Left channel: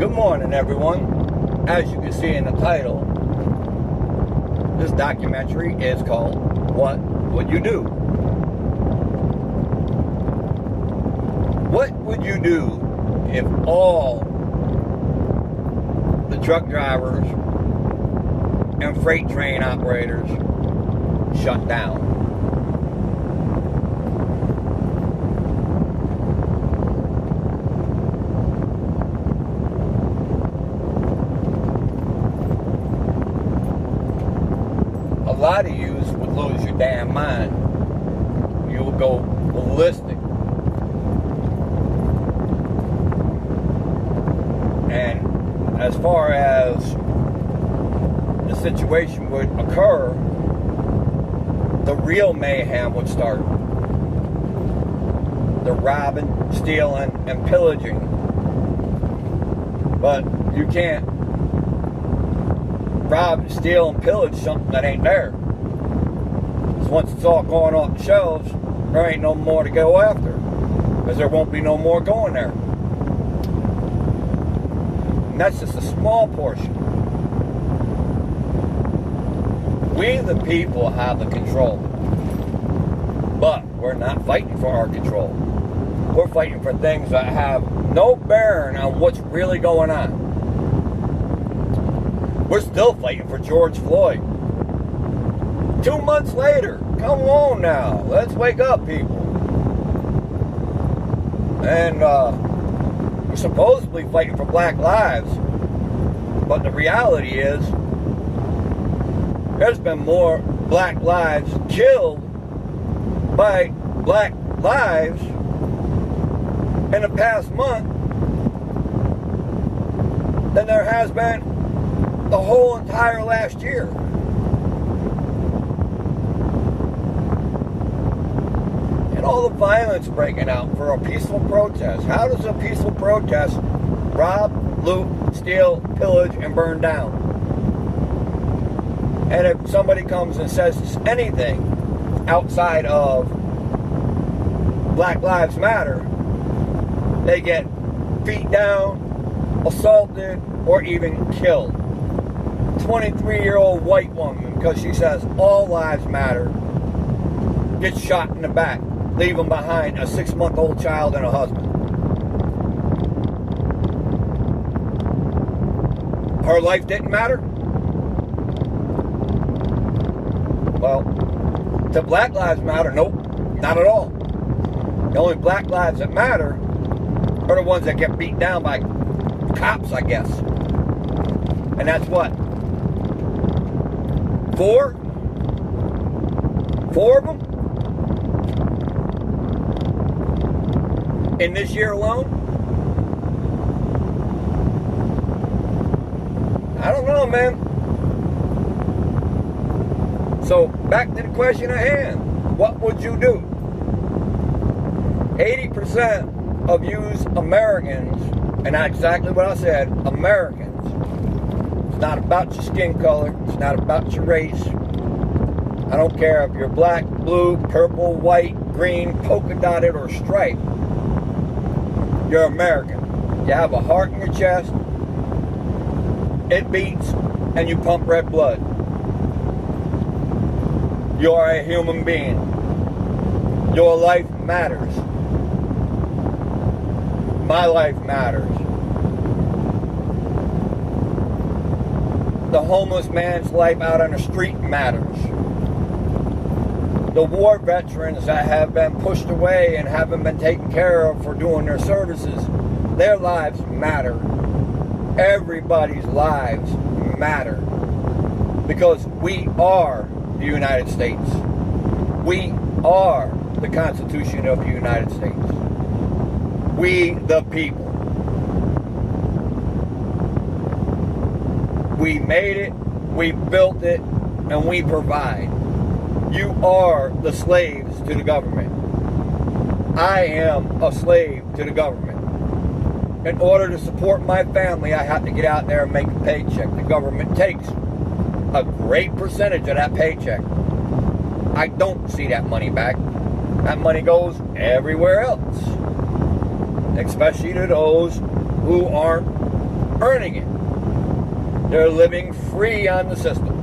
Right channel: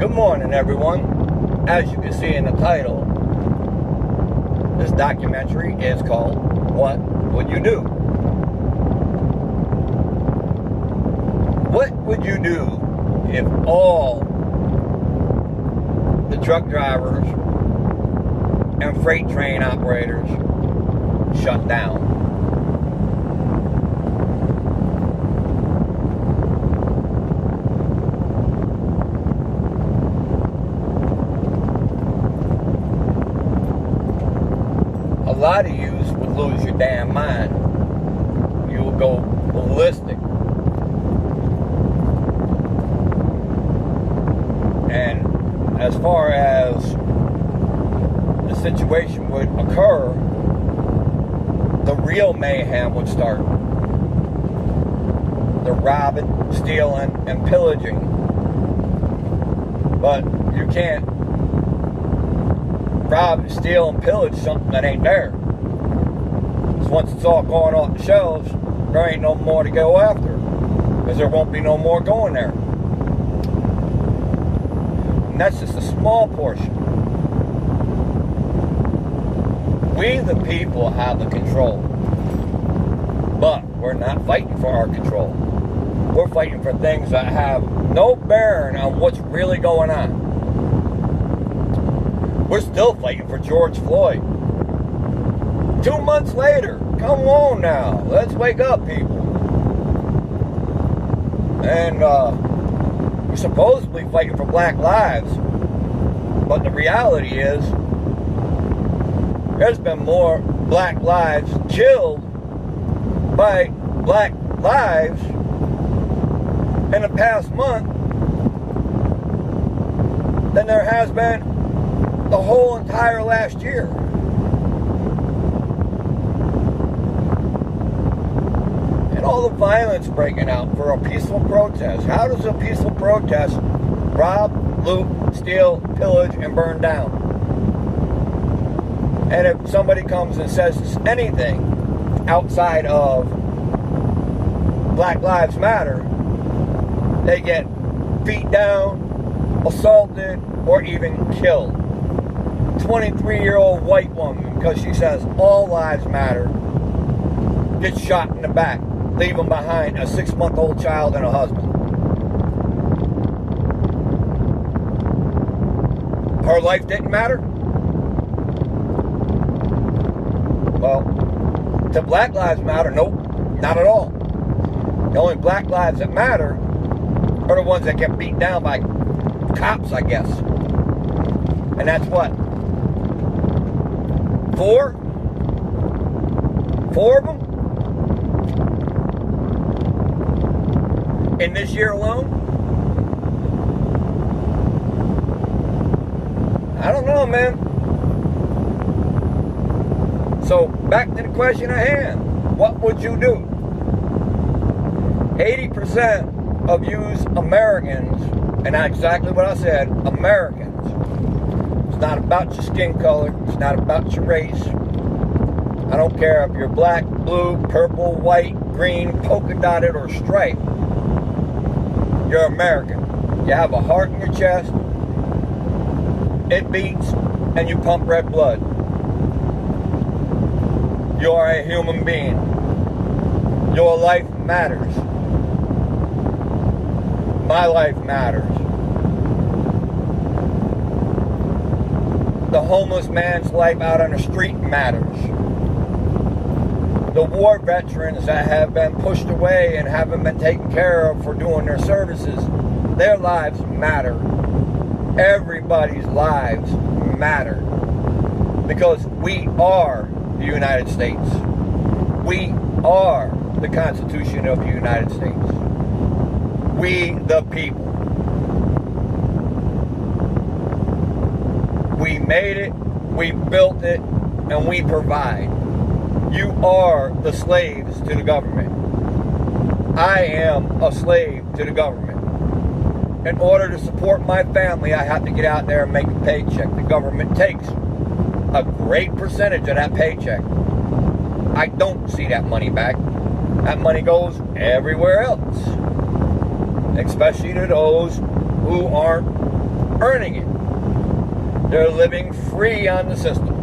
Good morning, everyone. As you can see in the title, this documentary is called What Would You Do? What would you do if all the truck drivers and freight train operators shut down? A lot of you would lose your damn mind. You will go ballistic. And as far as the situation would occur, the real mayhem would start. The robbing, stealing, and pillaging. But you can't rob, steal, and pillage something that ain't there. Because once it's all going off the shelves, there ain't no more to go after. Because there won't be no more going there. And that's just a small portion. We, the people, have the control. But we're not fighting for our control. We're fighting for things that have no bearing on what's really going on. We're still fighting for George Floyd. 2 months later, come on now, let's wake up, people. And we're supposedly fighting for black lives, but the reality is, there's been more black lives killed by black lives in the past month than there has been the whole entire last year. And all the violence breaking out for a peaceful protest. How does a peaceful protest rob, loot, steal, pillage, and burn down? And if somebody comes and says anything outside of Black Lives Matter, they get beat down, assaulted, or even killed. 23-year-old white woman, because she says all lives matter, gets shot in the back, leaving behind a 6-month-old child and a husband. Her life didn't matter? Well, to Black Lives Matter, nope, not at all. The only black lives that matter are the ones that get beat down by cops, I guess. And that's what? 4? 4 of them? In this year alone? I don't know, man. So, back to the question at hand. What would you do? 80% of yous Americans, and that's exactly what I said, Americans. It's not about your skin color. It's not about your race. I don't care if you're black, blue, purple, white, green, polka dotted, or striped. You're American. You have a heart in your chest. It beats, and you pump red blood. You are a human being. Your life matters. My life matters. The homeless man's life out on the street matters. The war veterans that have been pushed away and haven't been taken care of for doing their services, their lives matter. Everybody's lives matter. Because we are the United States. We are the Constitution of the United States. We, the people. We made it, we built it, and we provide. You are the slaves to the government. I am a slave to the government. In order to support my family, I have to get out there and make a paycheck. The government takes a great percentage of that paycheck. I don't see that money back. That money goes everywhere else. Especially to those who aren't earning it. They're living free on the system.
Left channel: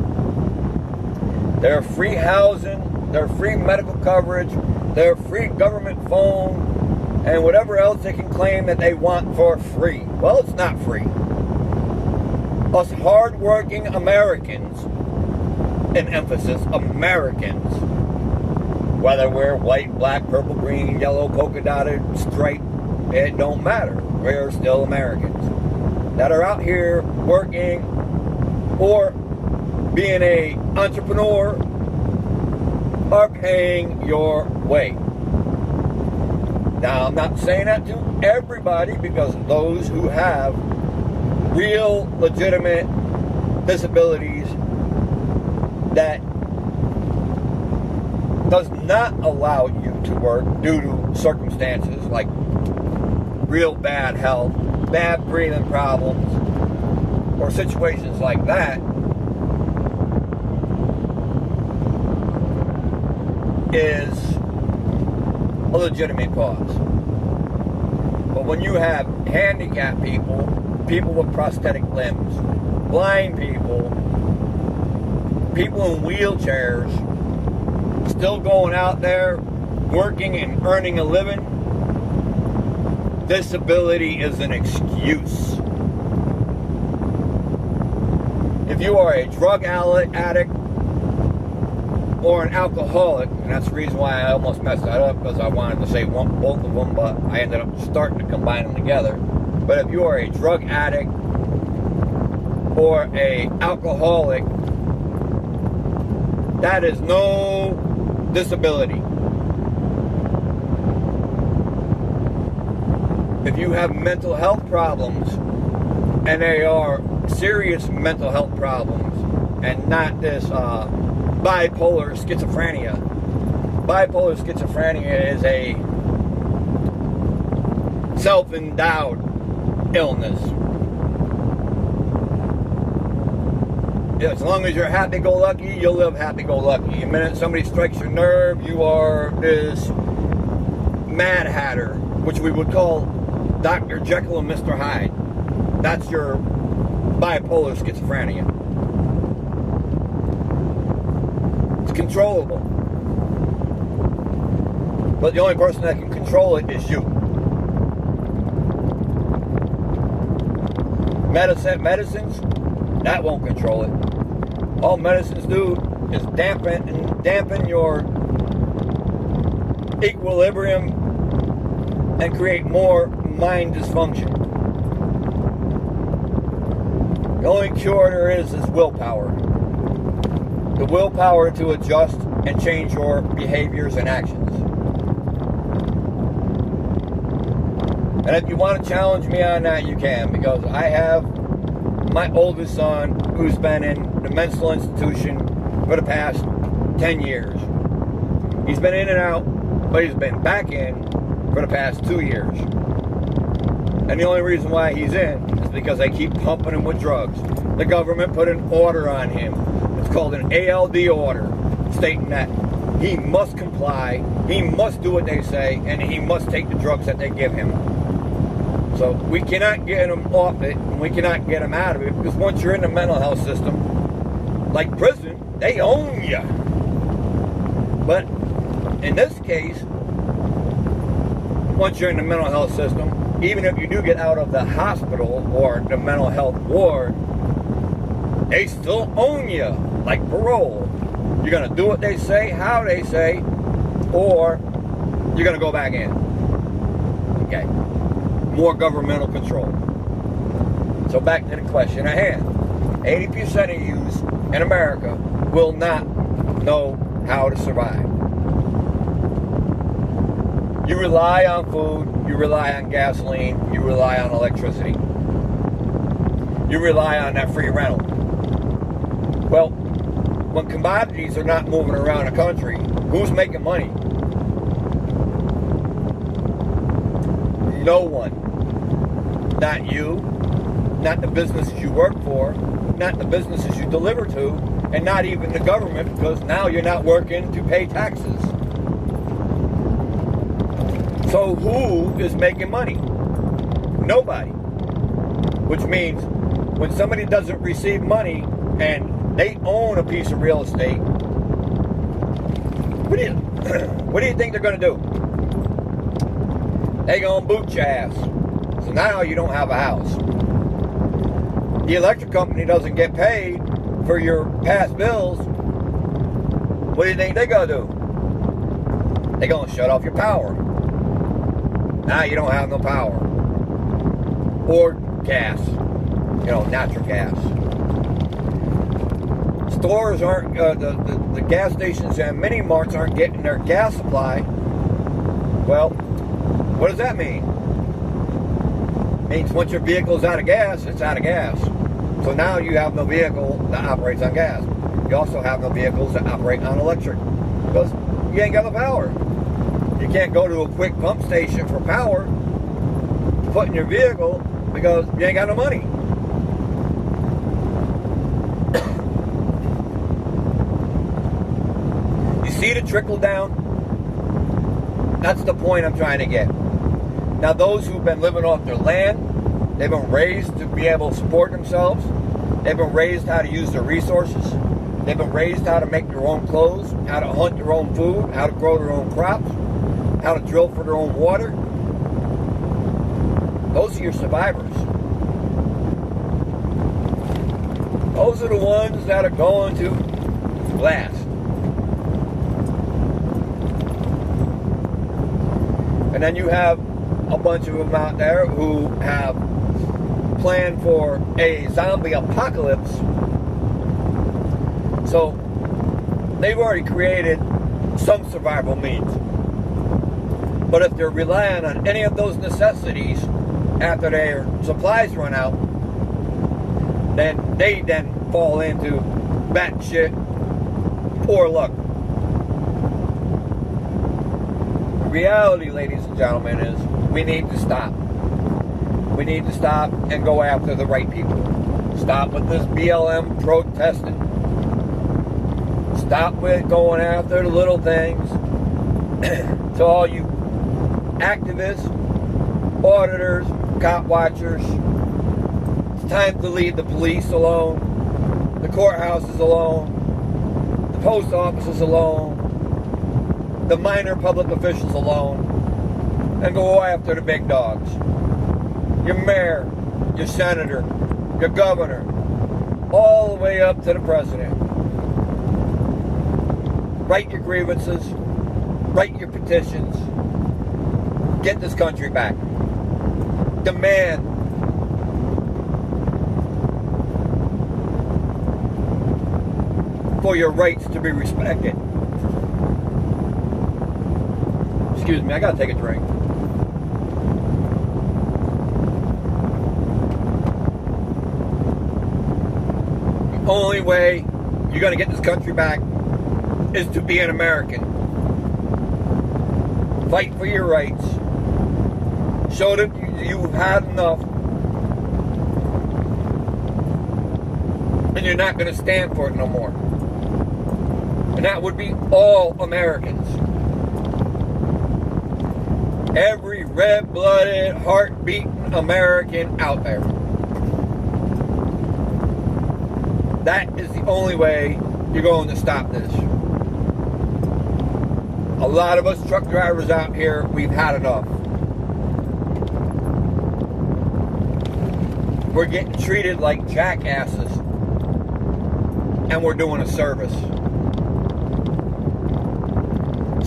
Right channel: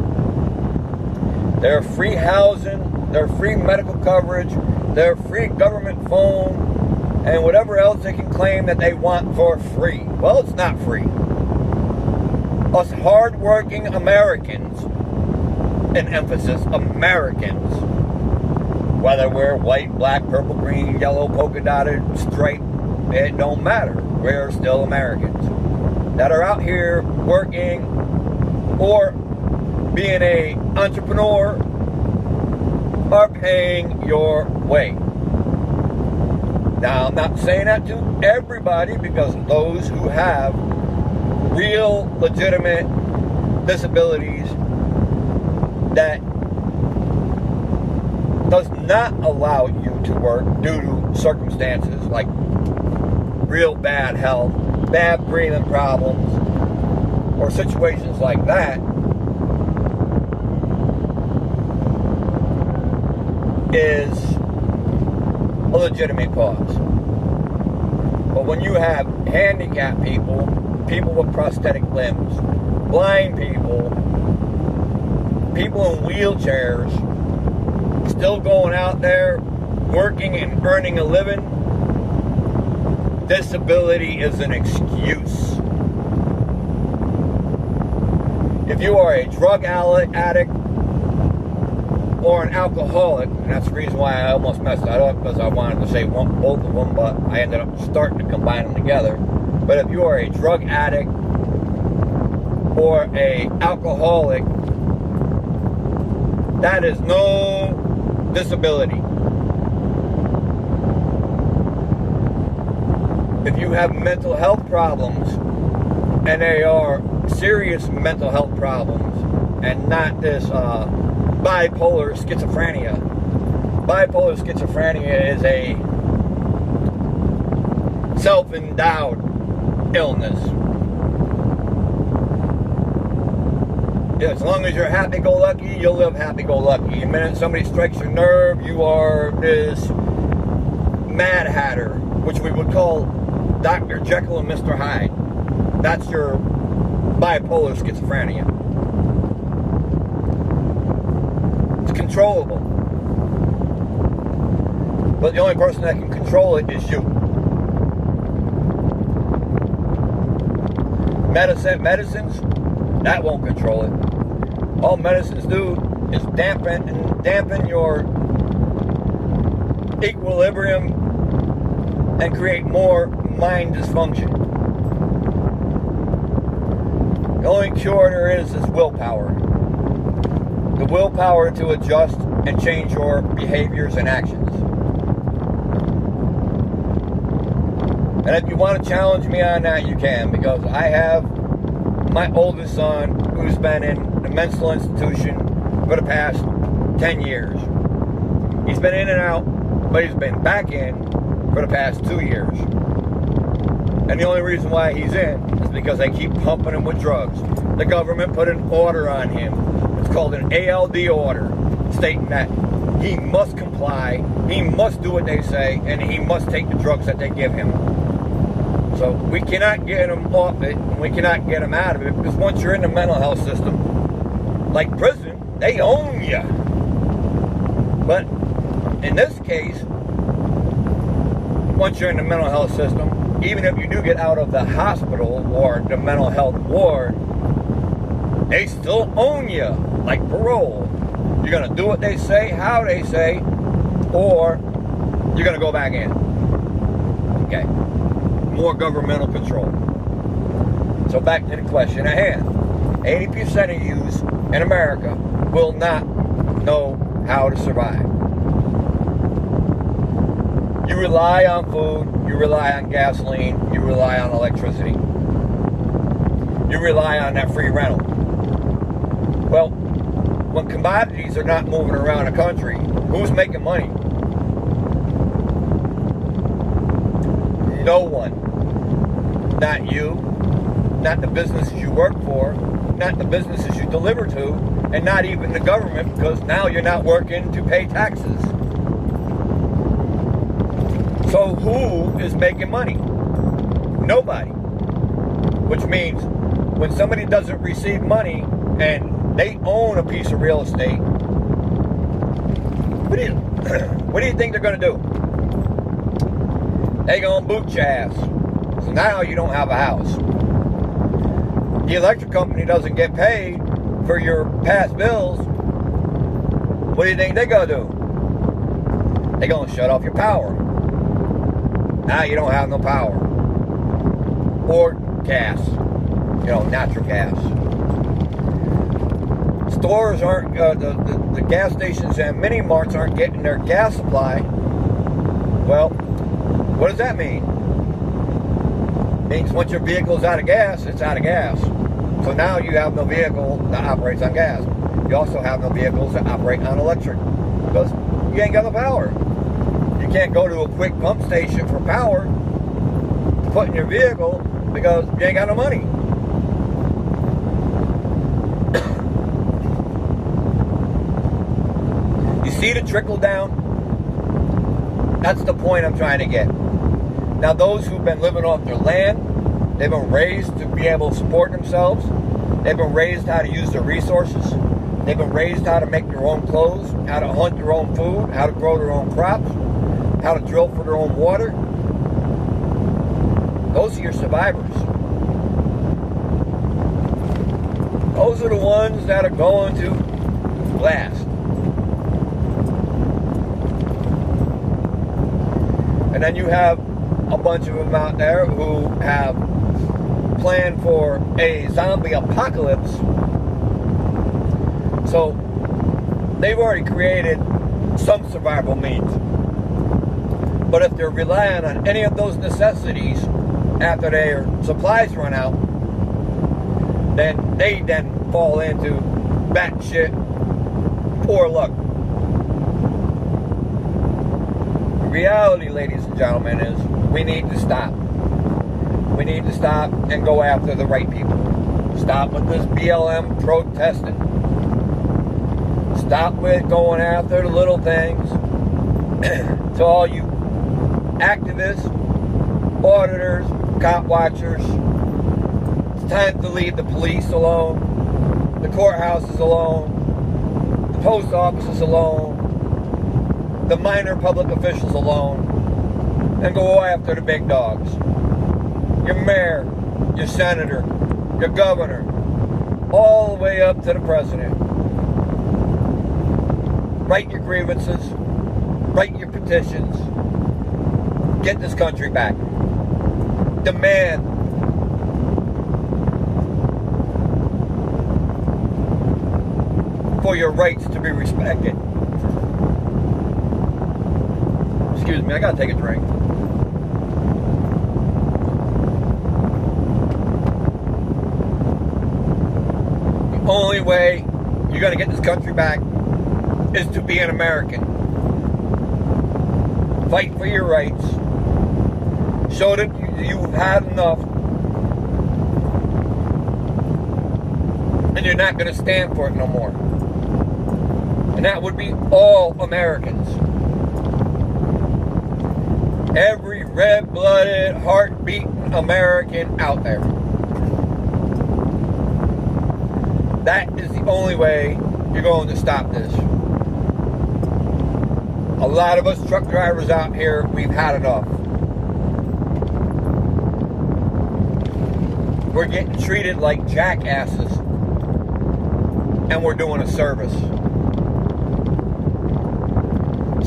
They're free housing, they're free medical coverage, they're free government phone, and whatever else they can claim that they want for free. Well, it's not free. Us hard-working Americans, in emphasis, Americans, whether we're white, black, purple, green, yellow, polka dotted, striped, it don't matter. We're still Americans that are out here working or being an entrepreneur or paying your way. Now, I'm not saying that to everybody, because those who have real, legitimate disabilities that does not allow you to work due to circumstances like real bad health, bad breathing problems, or situations like that, is a legitimate cause. But when you have handicapped people, people with prosthetic limbs, blind people, people in wheelchairs, still going out there working and earning a living, disability is an excuse. If you are a drug addict or an alcoholic, and that's the reason why I almost messed that up, because I wanted to say both of them, but I ended up starting to combine them together. But if you are a drug addict or a alcoholic, that is no disability. If you have mental health problems, and they are serious mental health problems, and not this bipolar schizophrenia. Bipolar schizophrenia is a self-endowed illness. As long as you're happy-go-lucky, you'll live happy-go-lucky. The minute somebody strikes your nerve, you are this Mad Hatter, which we would call Dr. Jekyll and Mr. Hyde. That's your bipolar schizophrenia. It's controllable. But the only person that can control it is you. Medicines, that won't control it. All medicines do is dampen your equilibrium and create more mind dysfunction. The only cure there is willpower. The willpower to adjust and change your behaviors and actions. And if you want to challenge me on that, you can, because I have my oldest son who's been in the mental institution for the past 10 years. He's been in and out, but he's been back in for the past 2 years. And the only reason why he's in is because they keep pumping him with drugs. The government put an order on him. It's called an ALD order, stating that he must comply, he must do what they say, and he must take the drugs that they give him. So we cannot get him off it, and we cannot get him out of it, because once you're in the mental health system, like prison, they own you. But in this case, once you're in the mental health system, even if you do get out of the hospital or the mental health ward, they still own you, like parole. You're going to do what they say, how they say, or you're going to go back in. Okay. More governmental control. So back to the question at hand. 80% of yous in America will not know how to survive. You rely on food, you rely on gasoline, you rely on electricity. You rely on that free rental. Well, when commodities are not moving around the country, who's making money? No one. Not you, not the businesses you work for, not the businesses you deliver to, and not even the government, because now you're not working to pay taxes. So who is making money? Nobody. which means when somebody doesn't receive money and they own a piece of real estate, what do you think they're going to do? They're going to boot your ass. So now you don't have a house. The electric company doesn't get paid for your past bills. What do you think they're going to do? They're going to shut off your power. Now you don't have no power. Or gas. Natural gas. Stores aren't, the gas stations and mini marts aren't getting their gas supply. Well, what does that mean? It means once your vehicle's out of gas, it's out of gas. So now you have no vehicle that operates on gas. You also have no vehicles that operate on electric because you ain't got the power. You can't go to a quick pump station for power to put in your vehicle because you ain't got no money. You see the trickle down? That's the point I'm trying to get. Now, those who've been living off their land, they've been raised to be able to support themselves. They've been raised how to use their resources. They've been raised how to make their own clothes, how to hunt their own food, how to grow their own crops, how to drill for their own water. Those are your survivors. Those are the ones that are going to last. And then you have a bunch of them out there who have planned for a zombie apocalypse. So they've already created some survival means. But if they're relying on any of those necessities after their supplies run out, then they fall into batshit poor luck. Reality, ladies and gentlemen, is we need to stop. We need to stop and go after the right people. Stop with this BLM protesting. Stop with going after the little things. To all you activists, auditors, cop watchers, it's time to leave the police alone, the courthouses alone, the post offices alone, the minor public officials alone, and go after the big dogs. Your mayor, your senator, your governor, all the way up to the president. Write your grievances, write your petitions, get this country back. Demand for your rights to be respected. Excuse me, I gotta take a drink. The only way you're gonna get this country back is to be an American. Fight for your rights. Show that you've had enough. And you're not gonna stand for it no more. And that would be all Americans. Every red-blooded, heart-beating American out there. That is the only way you're going to stop this. A lot of us truck drivers out here, we've had enough. We're getting treated like jackasses. And we're doing a service.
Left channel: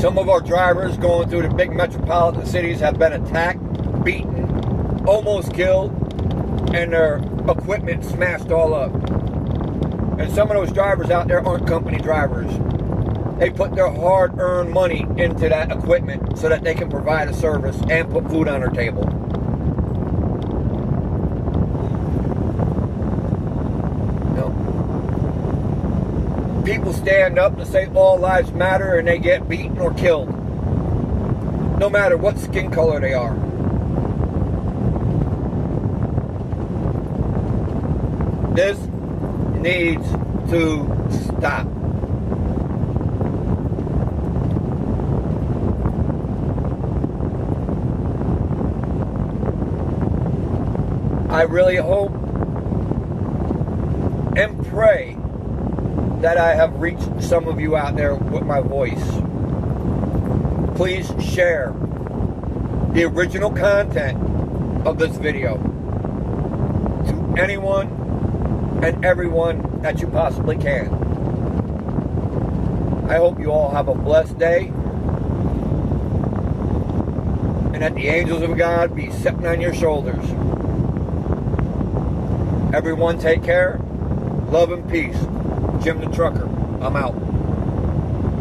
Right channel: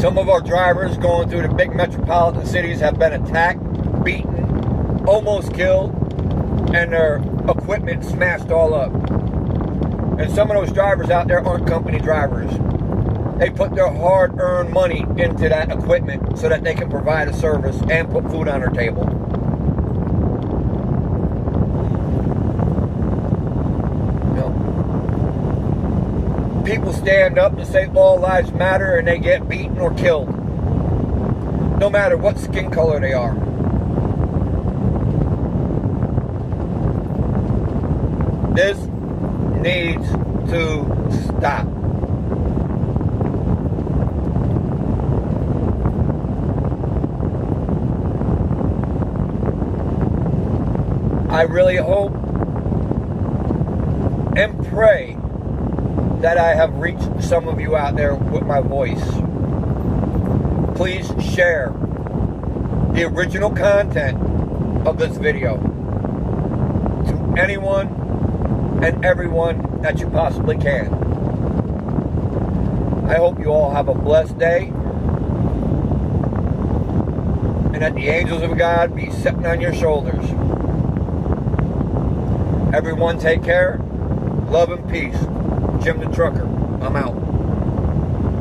Some of our drivers going through the big metropolitan cities have been attacked, beaten, almost killed, and their equipment smashed all up. And some of those drivers out there aren't company drivers. They put their hard-earned money into that equipment so that they can provide a service and put food on their table. People stand up and say all lives matter and they get beaten or killed. No matter what skin color they are. This needs to stop. I really hope and pray that I have reached some of you out there with my voice. Please share the original content of this video to anyone and everyone that you possibly can. I hope you all have a blessed day, and that the angels of God be sitting on your shoulders. Everyone take care. Love and peace. Jim the Trucker. I'm out.